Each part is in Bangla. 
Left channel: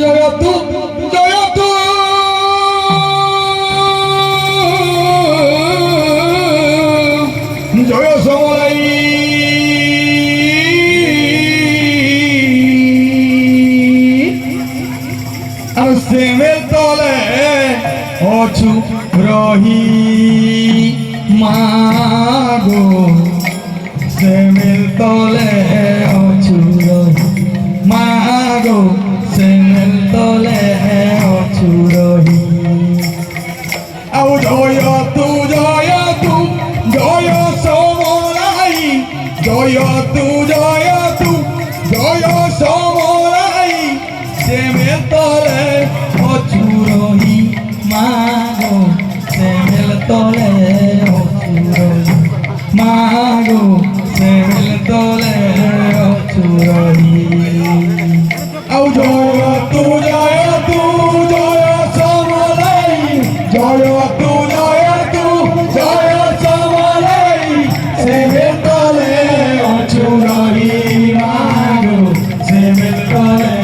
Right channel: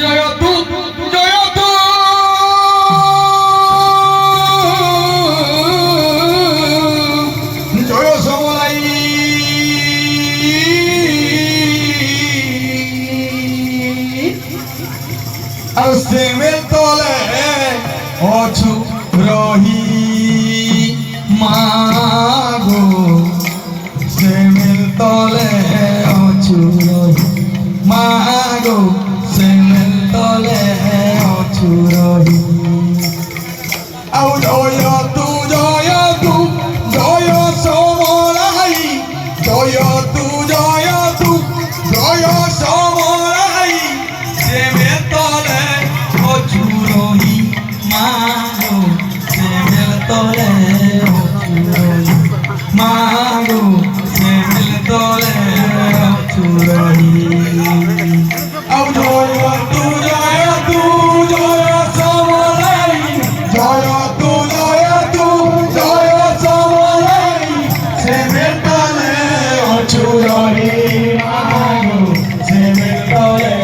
জয়তু জয়তু জয় সমলাই আসেমে তলে অছু রহি মাগো সেমের তলে অছু রহি মাগো সেমের তলে অছু রহি আউ জয়তু জয়তু জয় সমলাই জয়তু জয়তু জয় সমলাই সেমের তলে অছু রহি মাগো সেমের তলে অছু রহি মাগো সেমের তলে অছু রহি আউ জয়তু জয়তু জয় সমলাই জয়তু জয়তু জয় সমলাই সেমের তলে অছু রহি মাগো সেমের তলে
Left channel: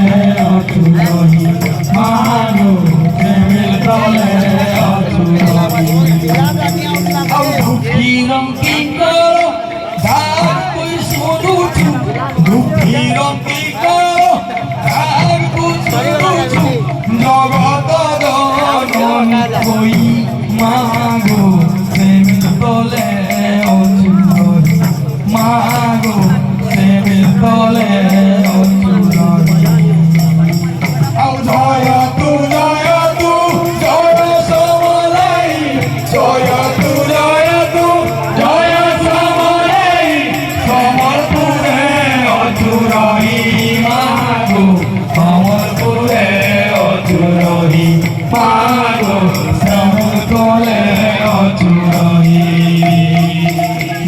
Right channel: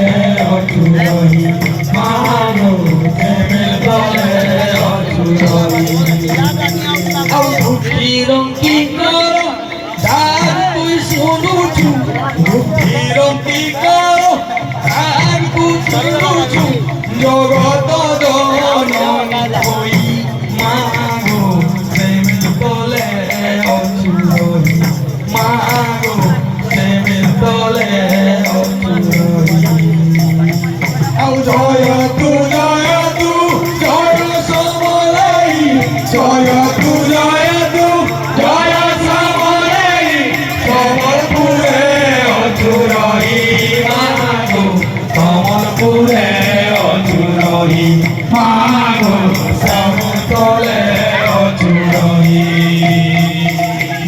অছু রহি মাগো সেমের তলে অছু রহি আউ দুঃখীরং কি করো ডাক তুই শুনুছু দুঃখীরং কি করো ডাক তুই শুনুছু জগত জননী হই মাগো সেমের তলে অছু রহি মাগো সেমের তলে অছু রহি আউ জয়তু জয়তু জয় সমলাই জয়তু জয়তু জয় সমলাই সমলপুরে অছু রহি মাগো সমলপুরে অছু রহি মাগো সেমের তলে অছু রহি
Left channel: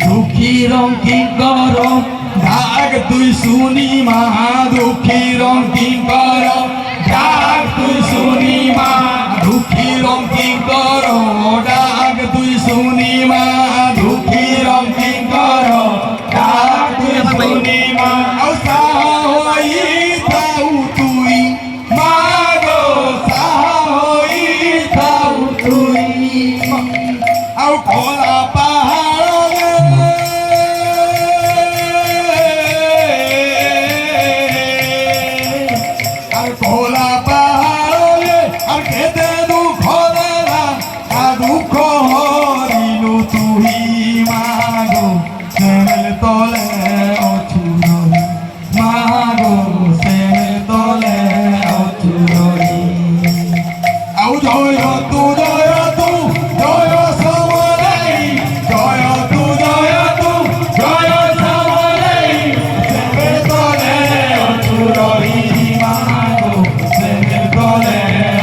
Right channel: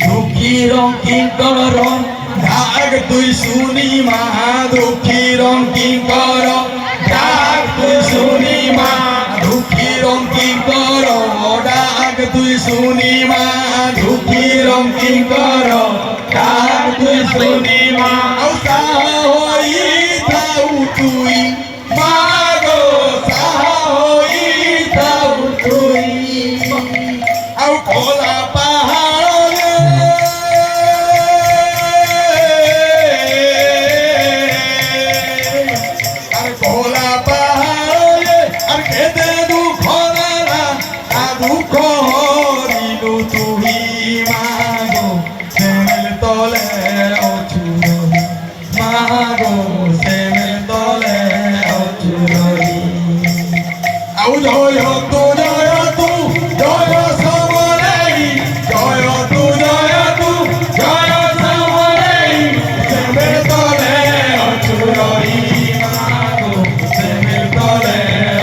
দুঃখীরং কি করো ডাক তুই শুনি মা দুঃখীরং কি করো ডাক তুই শুনি মা দুঃখীরং কি করো ডাক তুই শুনি মা দুঃখীরং কি করো ডাক তুই শুনি মা সাহই থাউ তুই মাগো সাহই থাউ তুই আউ খোলা পাহাড়ে আর খোলা পাহাড়ে আর কেঁদে দুঃখ দেলা আর দুঃখ হরিলু তুই মাগো সেমের তলে অছু রহি মাগো সেমের তলে অছু রহি আউ জয়তু জয়তু জয় সমলাই জয়তু জয়তু জয় সমলাই সেমের তলে অছু রহি মাগো সেমের তলে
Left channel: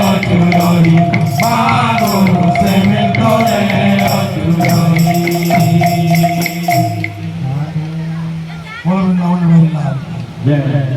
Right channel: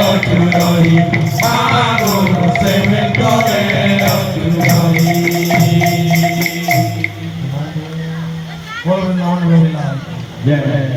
অছু রহি মাগো সেমের তলে অছু রহি বলুন আলহামদুলিল্লাহ।